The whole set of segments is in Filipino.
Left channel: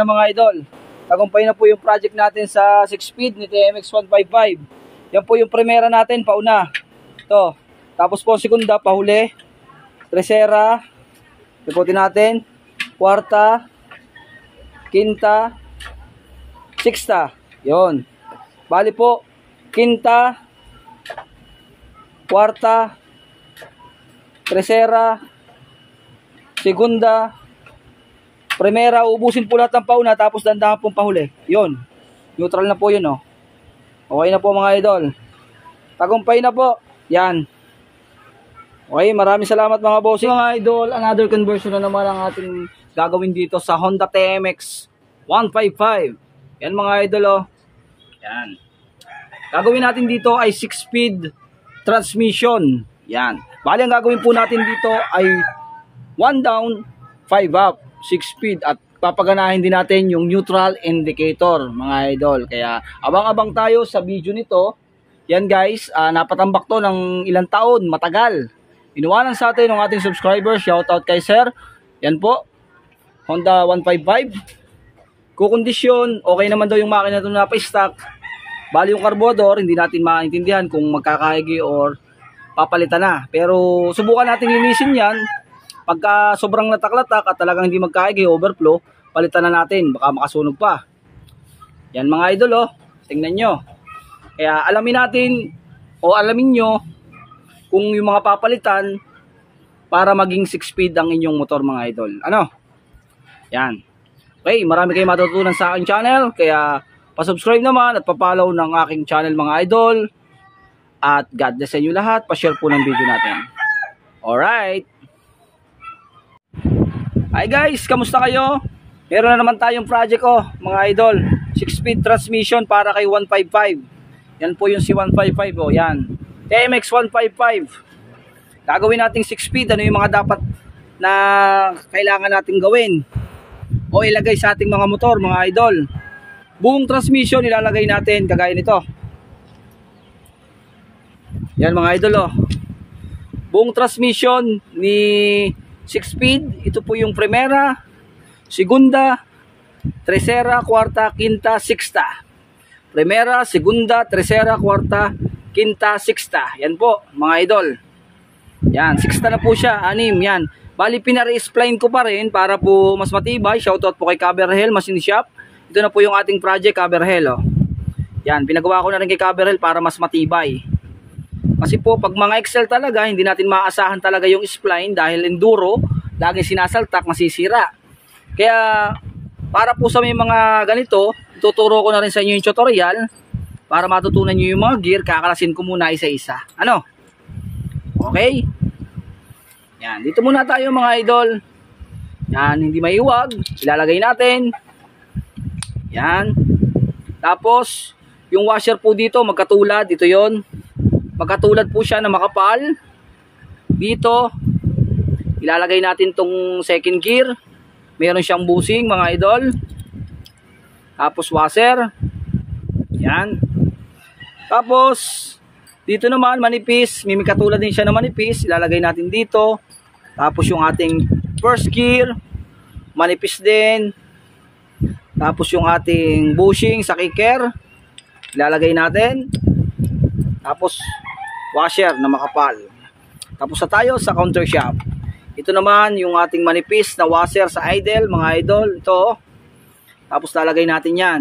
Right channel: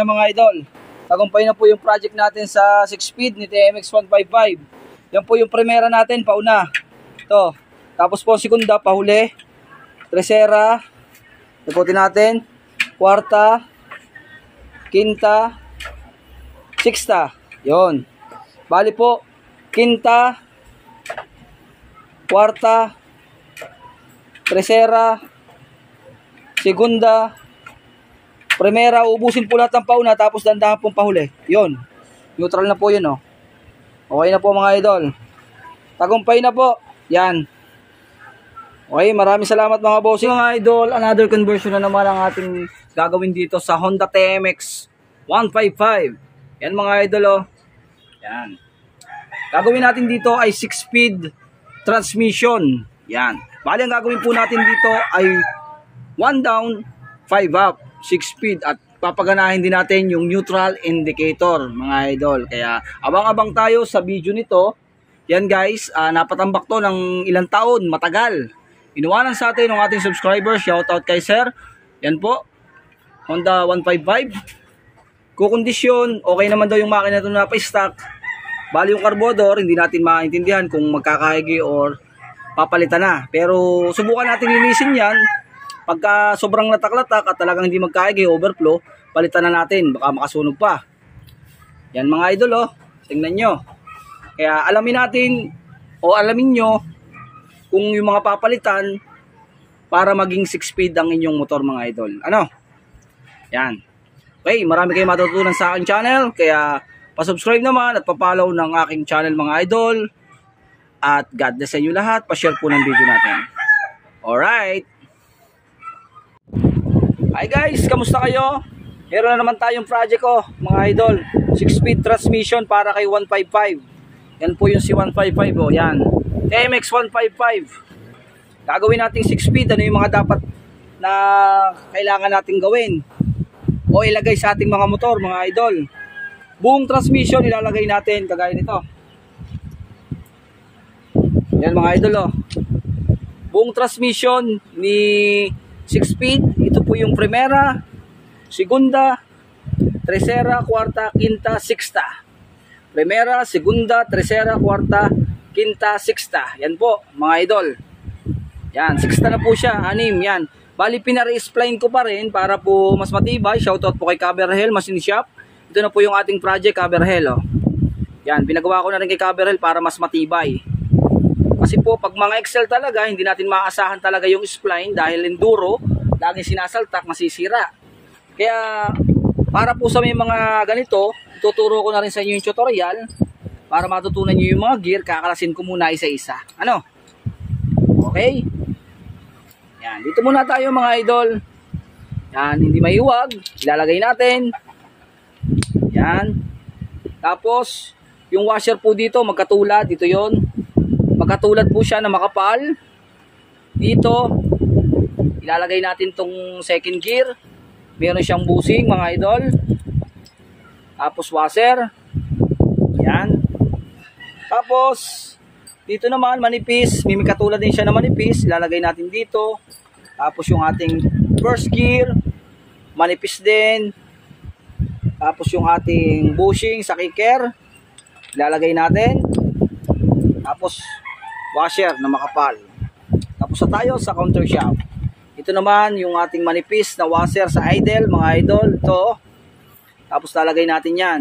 na mga idol. Tagumpay na po yung project natin sa 6-speed ni TMX 155. Yan po yung primera natin, pauna. Ito. Tapos po segunda, pahuli. Tercera. Ikutin natin. Kwarta. Quinta. Sixta. Yon. Bali po, quinta. Kwarta. Tercera. Segunda. Primera, ubusin po lahat ng pauna tapos dandahan pong pahuli. Yun. Neutral na po yun, oh. Okay na po mga idol. Tagumpay na po. Yan. Okay, maraming salamat mga bossing. Mga idol, another conversion na naman ang ating gagawin dito sa Honda TMX 155. Yan mga idol, oh. Yan. Gagawin natin dito ay 6-speed transmission. Yan. Bali, ang gagawin po natin dito ay 1 down, 5 up. 6-speed at papaganahin din natin yung neutral indicator mga idol. Kaya abang-abang tayo sa video nito. Yan guys, napatambak to ng ilang taon, matagal. Inuwanan sa atin ng ating subscriber, shoutout kay sir. Yan po, Honda 155. Kukondisyon, okay naman daw yung makina ito na pa-stock. Bali yung carburetor, hindi natin maintindihan kung magkakaigi or papalitan na. Pero subukan natin linisin yan. Pagka sobrang latak-latak at talagang hindi magkaigi, overflow, palitan na natin. Baka makasunog pa. Yan mga idol, oh. Tingnan nyo. Kaya alamin natin o alamin nyo kung yung mga papalitan para maging 6-speed ang inyong motor mga idol. Ano? Yan. Okay, marami kayong matutunan sa aking channel. Kaya pa-subscribe naman at pa-follow ng aking channel mga idol. At God bless sa inyo lahat. Pa-share po ng video natin. Alright. Hi guys, kamusta kayo? Meron na naman tayong project mga idol. 6-speed transmission para kay 155. Yan po yung si 155 yan. TMX 155. Gagawin nating 6-speed. Ano yung mga dapat na kailangan nating gawin o ilagay sa ating mga motor mga idol. Buong transmission ilalagay natin kagaya nito. Yan mga idol Buong transmission ni 6-speed, ito po yung primera, segunda, tercera, kwarta, quinta, sixta. Primera, segunda, tercera, kwarta, quinta, sixta. Yan po, mga idol. Yan, sixta na po siya, 6, yan. Bali, pinare-spline ko pa rin para po mas matibay. Shoutout po kay Caberhel Machine Shop. Ito na po yung ating project, Caberhel. Yan, pinagawa ko na rin kay Caberhel para mas matibay. Kasi po, pag mga Excel talaga, hindi natin maaasahan talaga yung spline dahil enduro, laging sinasaltak, masisira. Kaya, para po sa may mga ganito, tuturo ko na rin sa inyo yung tutorial para matutunan nyo yung mga gear, kakalasin ko muna isa-isa. Ano? Okay? Yan, dito muna tayo mga idol. Yan, hindi maiwag. Ilalagay natin. Yan. Tapos, yung washer po dito, magkatulad. Ito yon. Magkatulad po siya na makapal. Dito, ilalagay natin tong second gear. Meron siyang busing mga idol. Tapos washer. Yan. Tapos, dito naman manipis. May katulad din siya na manipis. Ilalagay natin dito. Tapos yung ating first gear. Manipis din. Tapos yung ating bushing sa kicker. Ilalagay natin. Tapos, washer na makapal. Tapos na tayo sa counter shaft. Ito naman yung ating manipis na washer sa idle mga idol. Ito. Tapos lalagay natin yan.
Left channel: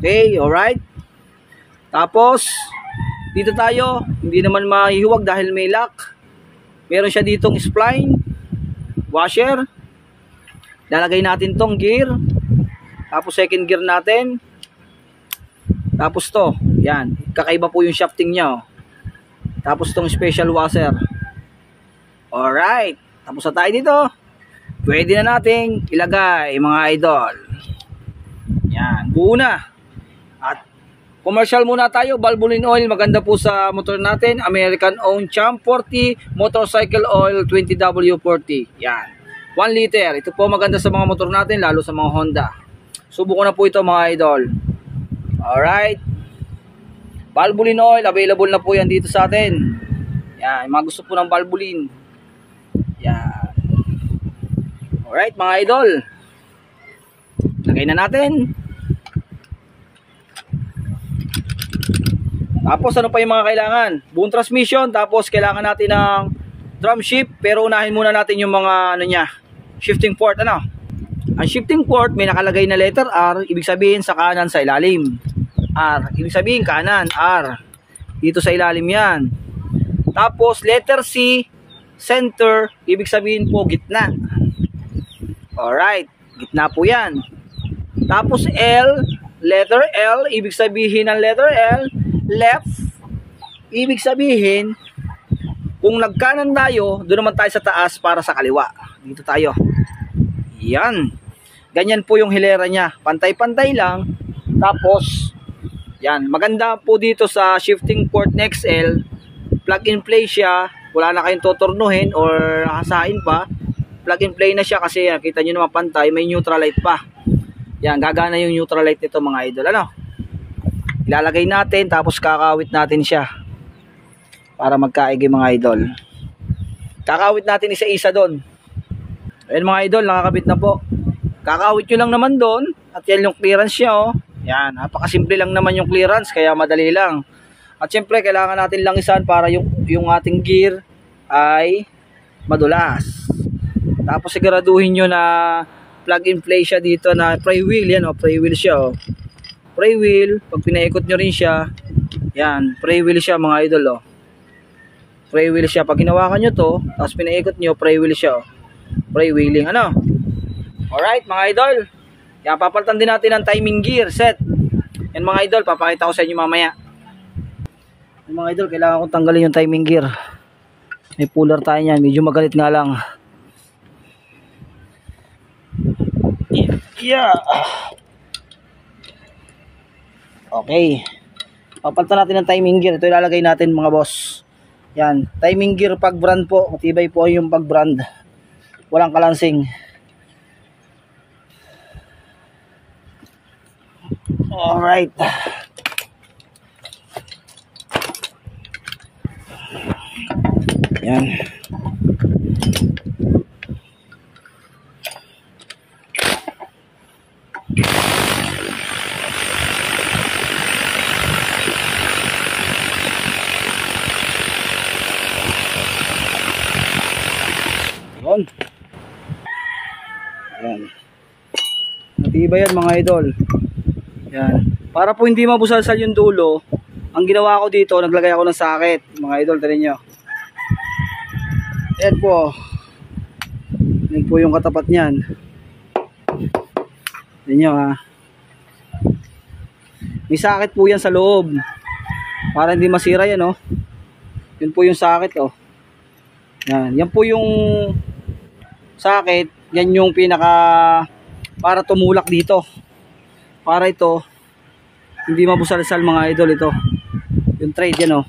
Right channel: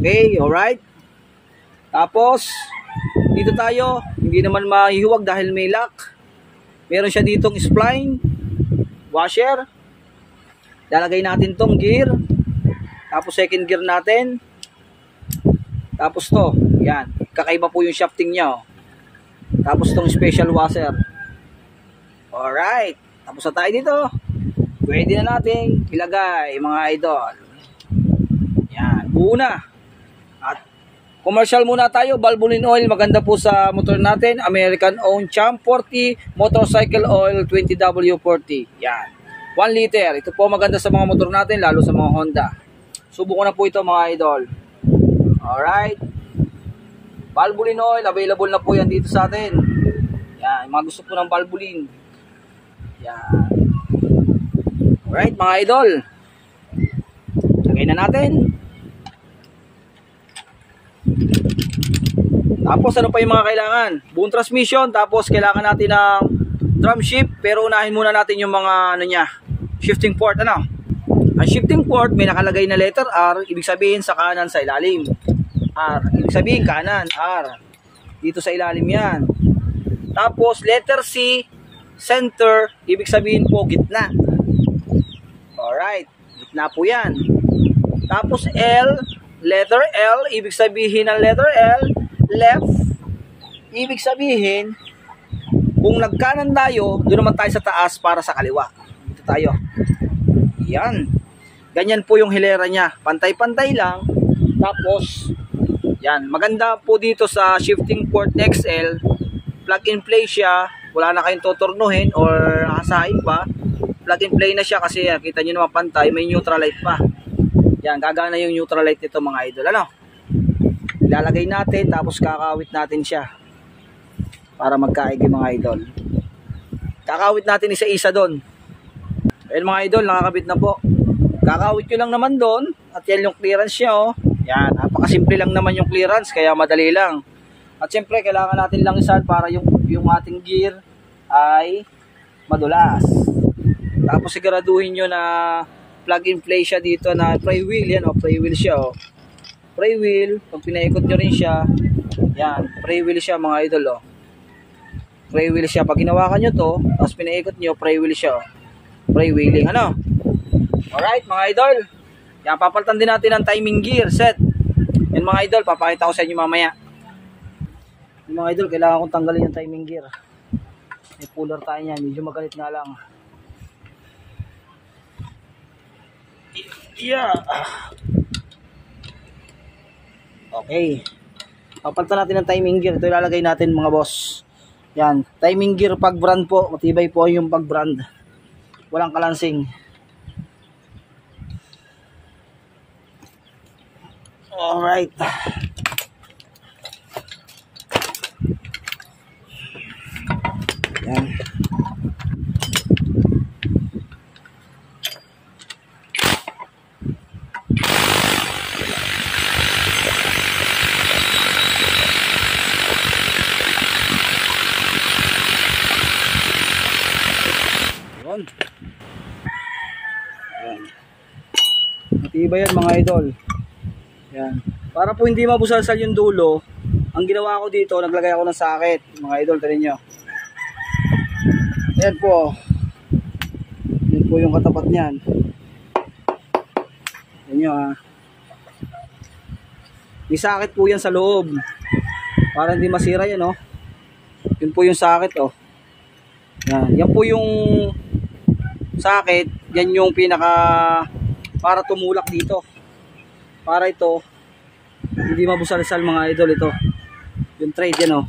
Okay, alright. Tapos dito tayo. Hindi naman mahihuwag dahil may lock. Meron siya ditong spline. Washer. Lalagay natin tong gear. Tapos second gear natin. Tapos to. Yan. Kakaiba po yung shafting niya. Tapos itong special washer. Alright. Tapos na tayo dito. Pwede na nating ilagay mga idol. Yan. Buo na. At commercial muna tayo. Valvoline oil. Maganda po sa motor natin. American owned Champ 40 motorcycle oil 20W40. Yan. 1 liter. Ito po maganda sa mga motor natin. Lalo sa mga Honda. Subukan na po ito mga idol. Alright. Valvoline oil, available na po yan dito sa atin. Yan, mga gusto po ng Valvoline. Yan. Alright mga idol. Lagay na natin. Tapos ano pa yung mga kailangan? Buong transmission, tapos kailangan natin ng drum shift, pero unahin muna natin yung mga ano niya, shifting port. Ano? Ang shifting port may nakalagay na letter R, ibig sabihin sa kanan sa ilalim. R, ibig sabihin kanan, R. Dito sa ilalim yan. Tapos letter C, center, ibig sabihin po gitna. Alright, gitna po yan. Tapos L, letter L, ibig sabihin ng letter L, left, ibig sabihin kung nagkanan tayo, doon naman tayo sa taas para sa kaliwa. Dito tayo. Yan. Ganyan po yung hilera niya. Pantay-pantay lang. Tapos, yan. Maganda po dito sa shifting port XL. Plug and play siya. Wala na kayong totornuhin or hasain pa. Plug and play na siya kasi kita nyo naman pantay. May neutral light pa. Yan. Gagana yung neutral light nito mga idol. Ano? Ilalagay natin tapos kakawit natin siya para magkaigi mga idol. Kakawit natin isa-isa doon. Ayan mga idol, nakakabit na po. Kakawit nyo lang naman doon at yan yung clearance niya oh. Yan, napakasimple lang naman yung clearance kaya madali lang. At syempre kailangan natin langisan para yung ating gear ay madulas. Tapos siguraduhin nyo na plug and play siya dito na pray wheel. Yan oh, pray wheel siya oh. Pray wheel, pag pinaikot nyo rin siya, yan, pray wheel siya mga idol oh. Pray wheel siya, pag hinawakan nyo to, tapos pinaikot nyo, pray wheel siya oh. Pray wheeling, ano? Alright mga idol, yan, papalitan din natin ang timing gear set. Yan mga idol, papakita ko sa inyo mamaya. Yan, mga idol, kailangan kong tanggalin yung timing gear. May puller tayo yan, medyo magalit nga lang. Yeah. Okay. Papalitan natin ang timing gear. Ito ilalagay natin mga boss. Yan. Timing gear pag brand po. Matibay po yung pag brand. Walang kalansing. Alright. Yan. Yan. Matibay yan mga idol. Yan. Para po hindi mabusalsal yung dulo, ang ginawa ko dito, naglagay ako ng sakit. Mga idol, tarin nyo. Yan po. Yan po yung katapat niyan. Yan nyo ha. May sakit po yan sa loob. Para hindi masira yan oh. Yun po yung sakit oh. Yan. Yan po yung sakit, yan yung pinaka para tumulak dito. Para ito hindi mabusalsal mga idol ito. Yung trade yan oh.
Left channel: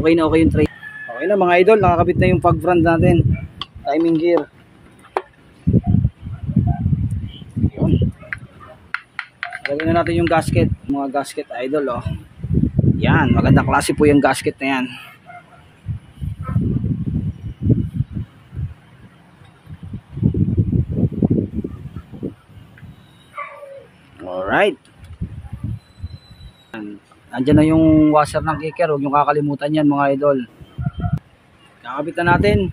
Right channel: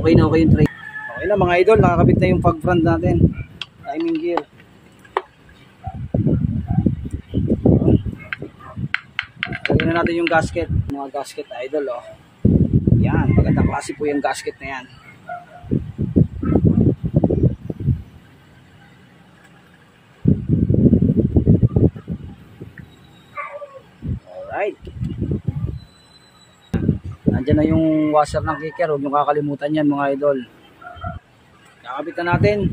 Okay na okay yung trade. Okay na mga idol, nakakabit na yung pag brand natin. Timing gear. Lagyan na natin yung gasket, mga gasket idol oh. Yan, maganda klase po yung gasket na yan. Alright. Nandiyan na yung washer ng kicker. Huwag nyo kakalimutan yan mga idol. Nakakabit na natin.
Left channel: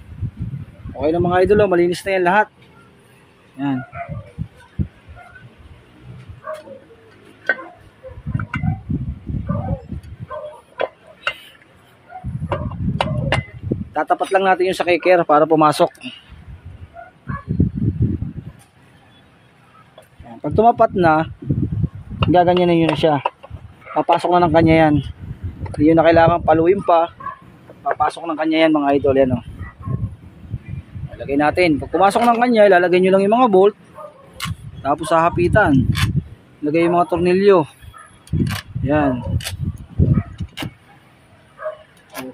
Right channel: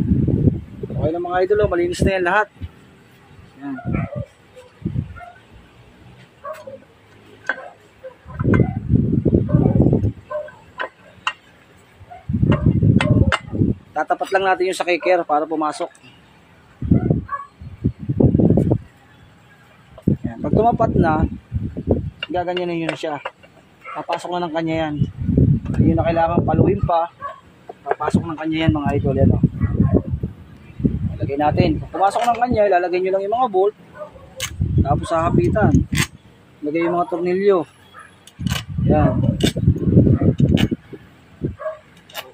Okay na mga idol. Malinis na yan lahat. Yan. Tatapat lang natin yung sa kicker para pumasok. Yan. Pag tumapat na, gaganyanin nyo na siya. Papasok na ng kanya yan. Hindi nyo na kailangan paluin pa. Papasok ng kanya yan mga idol. Yan, oh. Ilagay natin. Pag pumasok ng kanya, ilalagay nyo lang yung mga bolt. Tapos sa hapitan, ilagay yung mga tornilyo. Yan.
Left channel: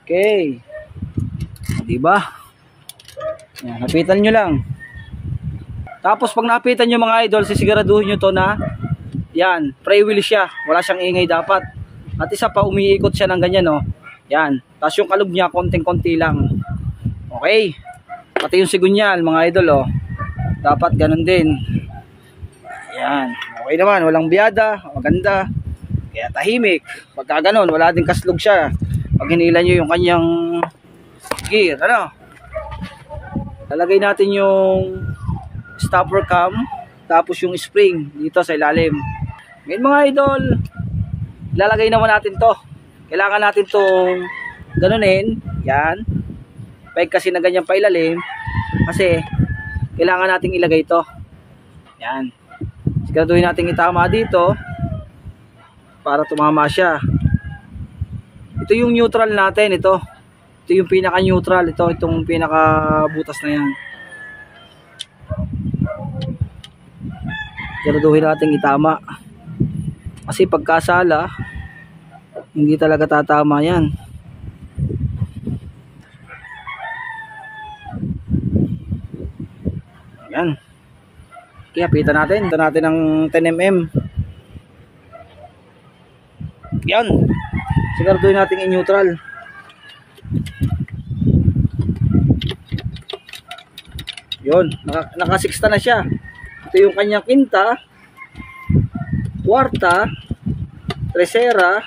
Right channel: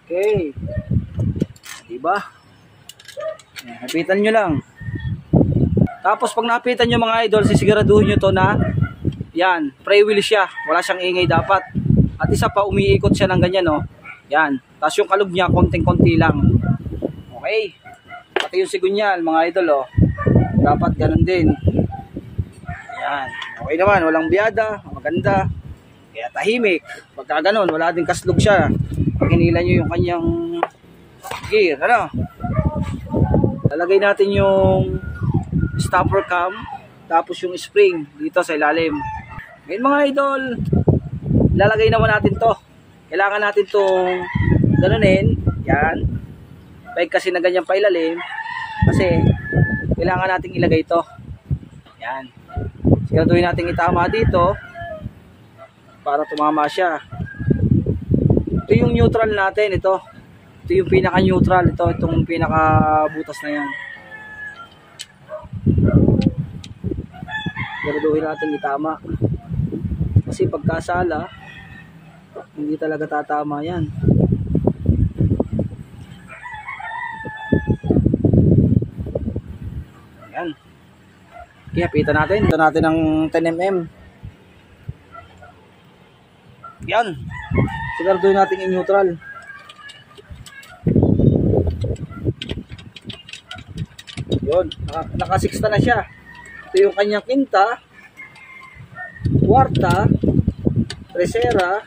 Okay. Diba? Yan, hapitan nyo lang. Tapos pag napitan nyo mga idol, sisiguraduhin nyo to na yan, pray wheel siya. Wala siyang ingay dapat. At isa pa, umiikot siya ng ganyan, no? Yan. Tapos yung kalog niya, konting-konti lang. Okay. Pati yung sigunyal, mga idol, oh. Dapat ganun din. Yan. Okay naman, walang biyada, maganda. Kaya tahimik. Pagka ganun, wala din kaslog siya. Pag hinila nyo yung kanyang gear, ano? Lalagay natin yung stopper cam, tapos yung spring dito sa ilalim. Ngayon mga idol, lalagay naman natin to. Kailangan natin tong ganunin, yan. Pag kasi na ganyan pa ilalim, kasi kailangan nating ilagay to. Yan. Siguraduhin natin itama dito para tumama siya. Ito yung neutral natin, ito. Ito yung pinaka-neutral, itong pinaka-butas na yan. Siguraduhin natin itama. Kasi pagkasala, hindi talaga tatama yan. Ayan. Kaya pita natin. Ito natin ng 10mm. Yan. Siguraduhin natin i-neutral. Yun. Naka-6 na siya. Ito yung kanyang quinta, kwarta, tercera.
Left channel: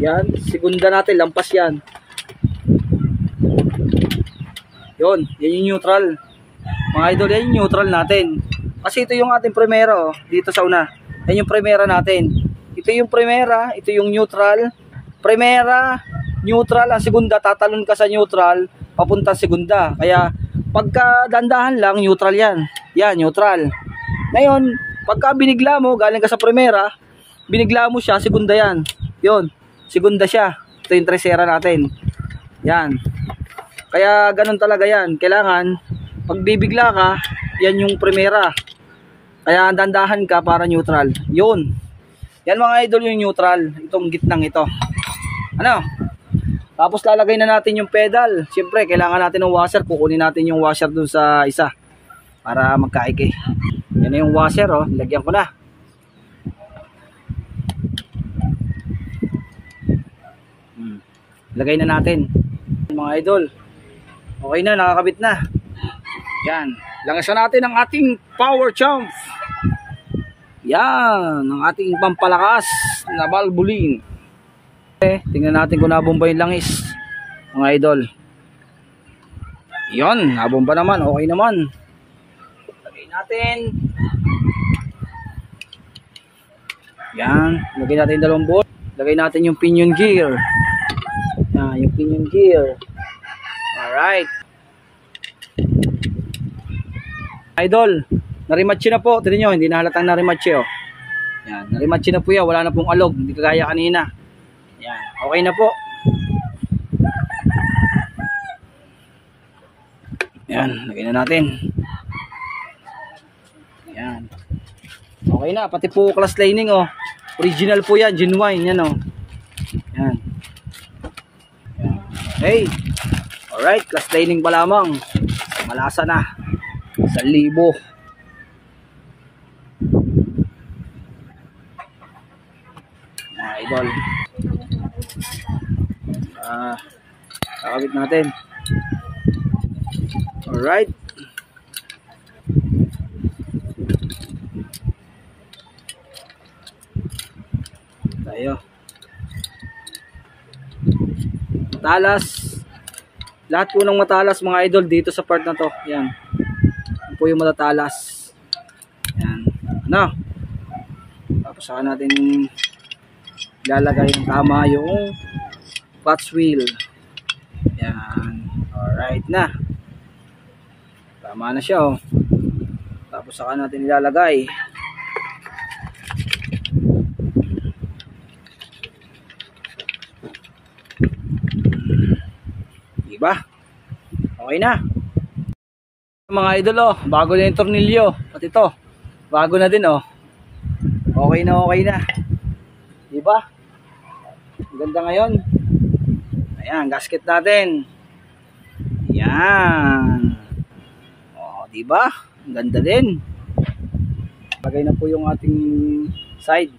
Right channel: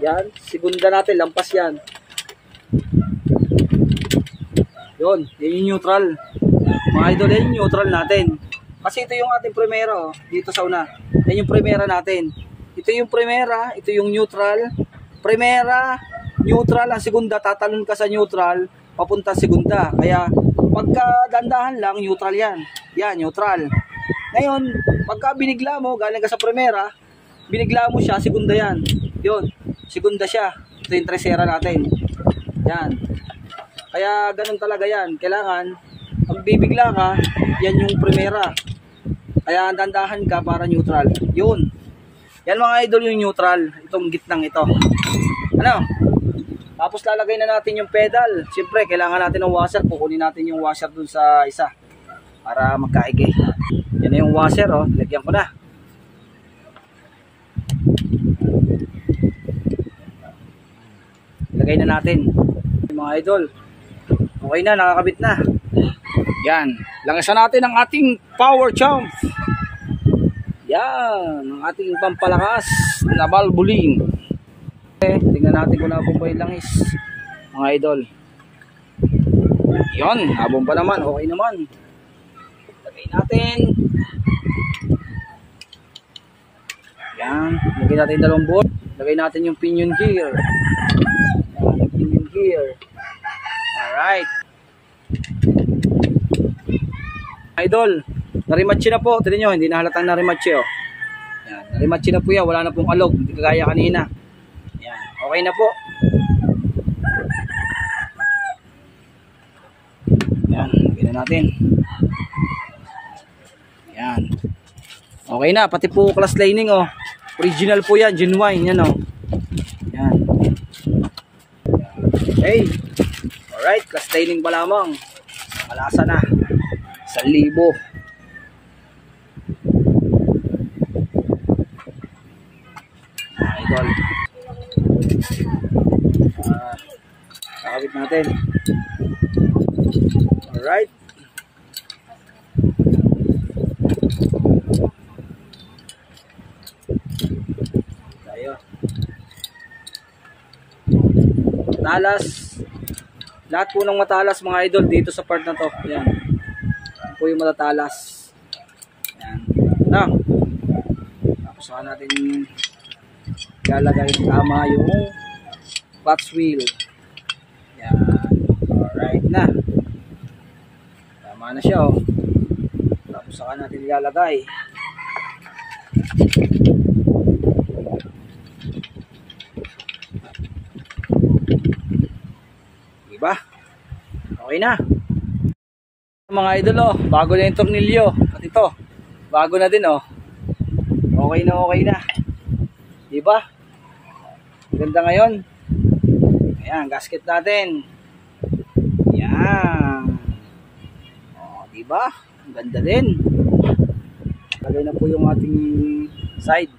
Yan. Segunda natin. Lampas yan. Yun. Yan yung neutral. Mga idol, yan yung neutral natin. Kasi ito yung ating primera, oh, dito sa una. Yan yung primera natin. Ito yung primera, ito yung neutral. Primera, neutral, ang segunda, tatalon ka sa neutral, papunta sa segunda. Kaya, pagka dandahan lang, neutral yan. Yan, neutral. Ngayon, pagka binigla mo, galing ka sa primera, binigla mo siya, segunda yan. Yun, segunda siya. Ito yung tercera natin. Yan. Kaya, ganun talaga yan. Kailangan, pag bibigla ka, yan yung primera. Kaya dandahan ka para neutral. Yun. Yan mga idol yung neutral. Itong gitnang ito. Ano? Tapos lalagay na natin yung pedal. Siyempre, kailangan natin ng washer. Kukunin natin yung washer dun sa isa. Para magkaigi. Yan na yung washer, oh. Lagyan ko na. Lagay na natin. Mga idol. Okay na, nakakabit na. Yan. Langasan natin ang ating power jump. Yan. Ang ating pampalakas na valvoline. Tingnan natin kung nabomba yung langis. Mga idol. Yan. Nabomba naman. Okay naman. Lagay natin. Yan. Lagay natin yung dalawang bolt. Lagay natin yung pinion gear. Yan. Yung pinion gear. Alright. Idol, narimatche na po. Tignan nyo, hindi na halatang narimatche, oh. Yan, narimatche na po yan. Wala na pong alog. Hindi kagaya kanina. Yan, okay na po. Yan, lagay na natin. Yan. Okay na, pati po class lining, oh. Original po yan, genuine, yan, oh. Yan. Okay. Alright, class lining pa lamang. Malasa na. 1,000. Mga idol. Kakabit natin. Alright. Tayo. Matalas. Lahat po ng matalas mga idol dito sa part na to. Yan. Yan po yung matatalas. Yan. Ano? Tapos saka natin ilalagay ng tama yung clutch wheel. Yan. Alright na. Tama na siya, oh. Tapos saka natin ilalagay. Diba? Okay na. Mga idol, oh, bago na yung tornilyo. At ito, bago na din, oh. Okay na, okay na. Diba? Ganda ngayon. Ayan, gasket natin. Ayan. Oh, diba? Ang ganda din. Lagay na po yung ating side.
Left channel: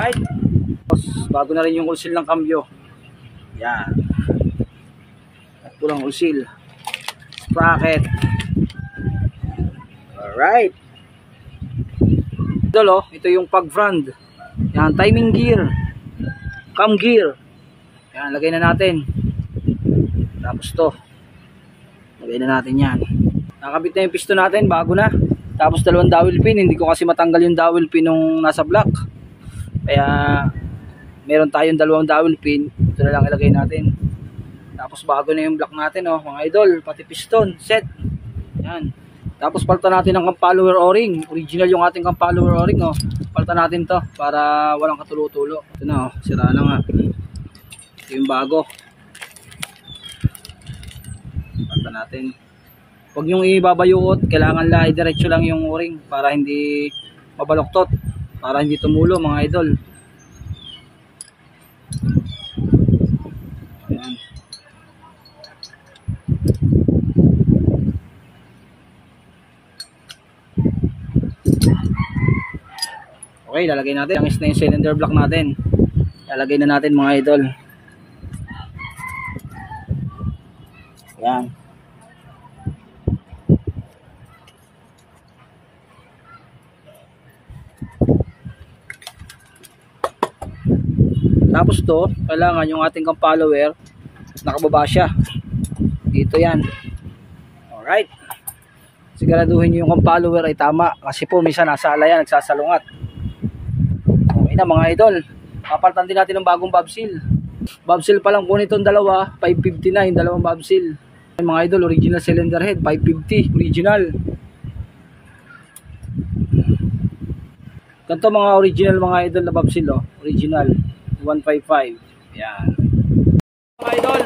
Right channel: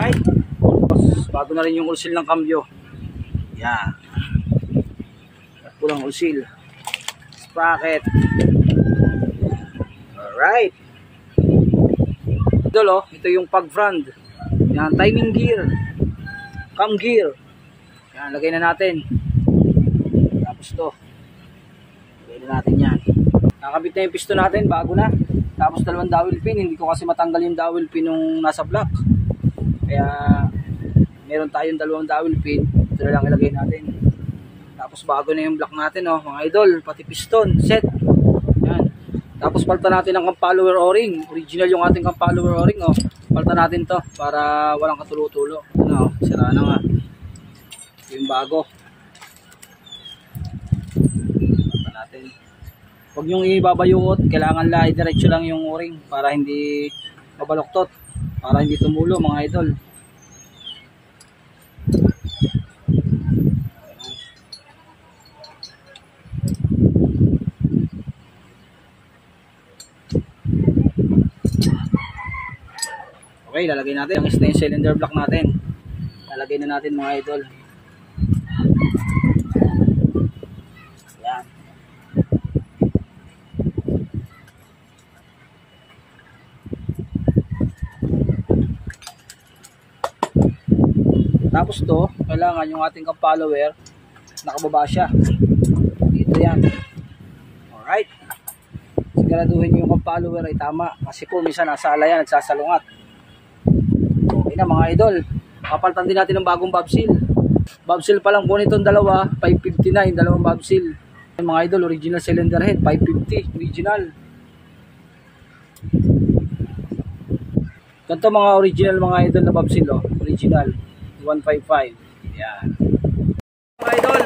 Alright. Tapos, bago na rin yung ulsil ng cambio. Yan. At pulang ulsil. Sprocket. Alright. Ito yung pag front. Yan, timing gear. Cam gear. Yan, lagay na natin. Tapos to. Lagay na natin yan. Nakabit na yung piston natin, bago na. Tapos dalawang dowel pin. Hindi ko kasi matanggal yung dowel pin nung nasa block. Kaya meron tayong dalawang dowel pin. Ito na lang ilagay natin. Tapos bago na yung block natin, oh, mga idol. Pati piston, set. Yan. Tapos palta natin ang cam follower o-ring. Original yung ating cam follower o-ring, oh. Palta natin to para walang katulo-tulo. Ano, sira na nga. Ito yung bago. Palta natin. Huwag nyong ibabayuot, kailangan la i-diretso lang yung o-ring para hindi mabaloktot, para hindi tumulo, mga idol. Ayan. Okay, lalagay natin ang yung cylinder block natin. Lalagay na natin, mga idol. Ayan. Tapos to, kailangan yung ating cam follower nakababa siya. Dito yan. Alright. Siguraduhin nyo yung cam follower ay tama. Kasi po minsan nasa alayan, nagsasalungat. Okay na, mga idol. Papalitan din natin ng bagong valve seal. Valve seal pa lang po nitong dalawa, 559, dalawang valve seal. Mga idol, original cylinder head, 550, original. Ganito mga original, mga idol, na valve seal, oh. Original 155. Yan. Mga idol,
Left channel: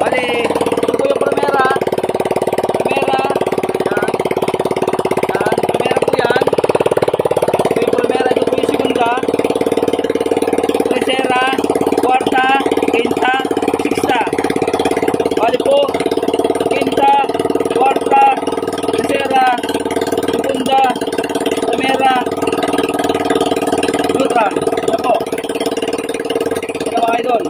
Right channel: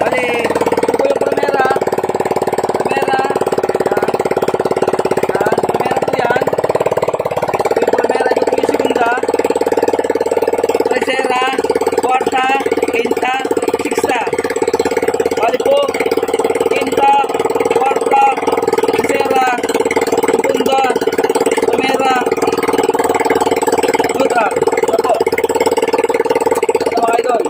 bali, ito po yung primera. Primera. Yan. Yan. Primera po yan. Ito yung primera, ito po yung segunda. Tercera, cuarta, quinta, sexta. Bali po, quinta, cuarta, tercera, segunda, primera, neutral. Yan po. Mga idol.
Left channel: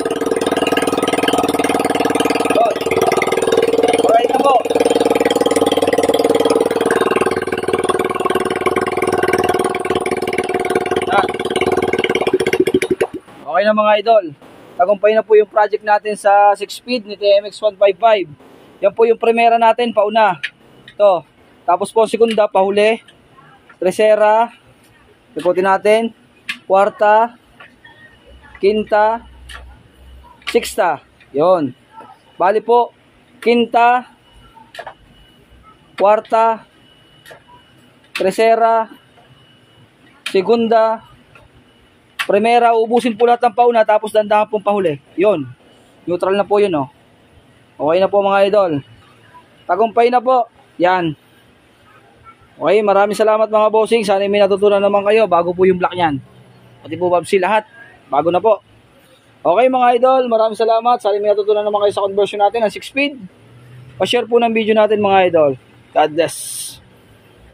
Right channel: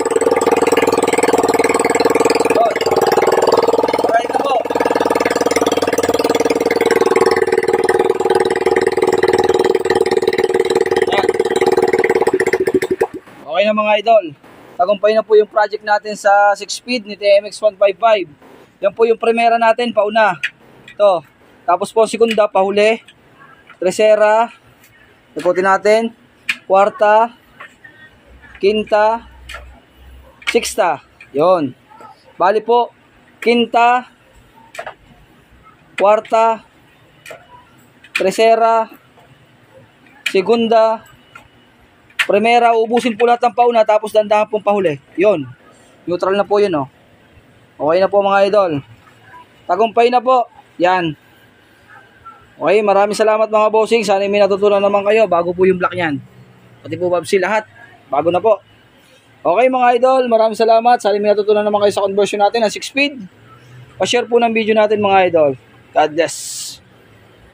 Good. Alright na po. Yan. Okay na, mga idol. Tagumpay na po yung project natin sa 6-speed ni TMX 155. Yan po yung primera natin, pauna. Ito. Tapos po segunda, pahuli. Tercera. Ikutin natin. Cuarta. Quinta. Sixta, yon. Bali po, quinta, cuarta, tercera, segunda, primera, ubusin po lahat ng pauna, tapos dandahan pong pahuli. Yon. Neutral na po yun, oh. Okay na po, mga idol. Tagumpay na po. Yan. Okay, maraming salamat, mga bossing. Sana may natutunan naman kayo bago po yung block niyan. Pati po babsi lahat. Bago na po. Okay, mga idol, maraming salamat. Sana may natutunan naman kayo sa conversion natin ng 6-speed. Pa-share po ng video natin, mga idol. God bless.